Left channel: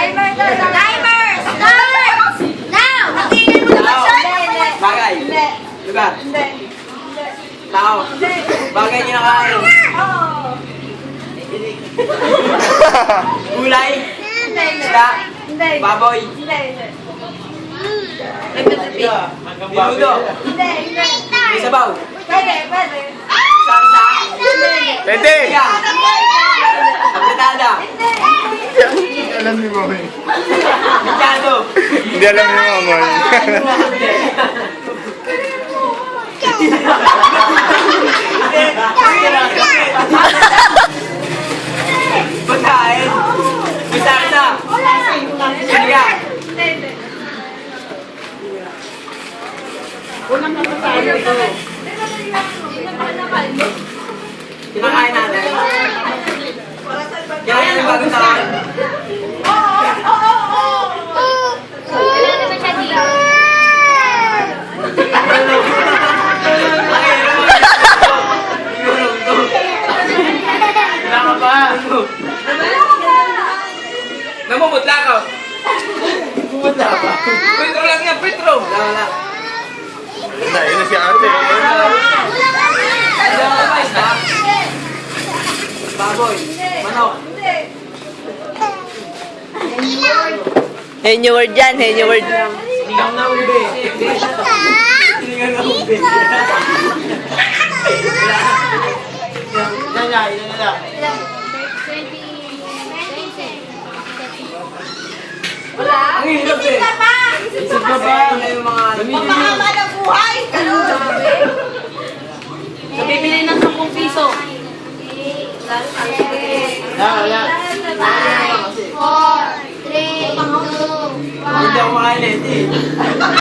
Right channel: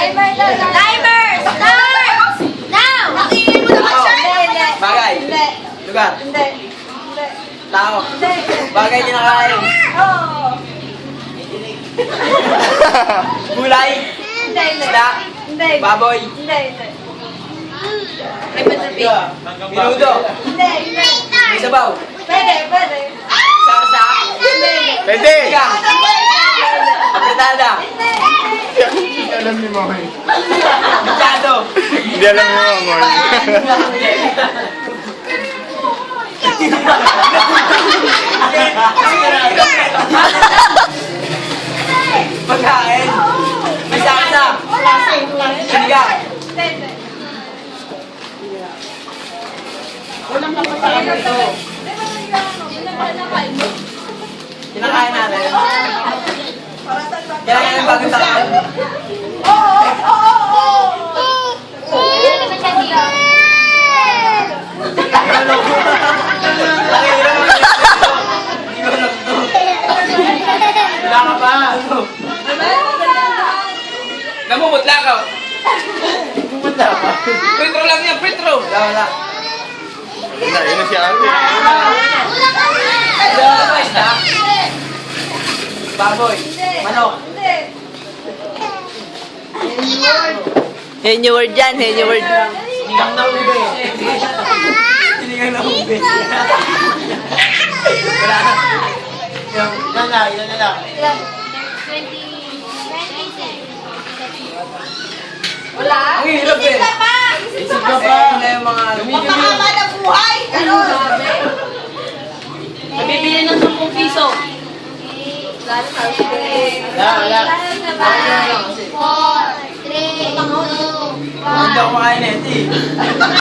Timer! Timer! Start! Now! Natingin mo naman siya! Bagay. Hindi. Lugar. Hindi. Tao. Hindi. Bagay kinakain. Oo. Gulay. Hindi. Isda. Hindi. Baboy. Hindi. Minudo. Hindi. May sabaw. Pwede. Sarsa. Pwede! Sigang. Apretada. Alam ni Mama. Bityado. Hindi alam ni Mama. Pagkain. May sarsa. Sigang. Kinakain natin. Kailangan natin bagong taon. Namumutla ka. Pumunta pa. Petro lang yan, Petro. Wala. Yun na si ate. Wala ba isda? Baboy. Manok. Henyo word yan, henyo word. Sinigang na ube. Sinigang na ube. Wala. Yan na lang. Ang hirap eh. Isip ka ba? Ano yung mga ano? Mahaba ng buhay! Nabibili ng 10 piso. Wala. 4, 3, 2, 1. Hindi ako makain eh.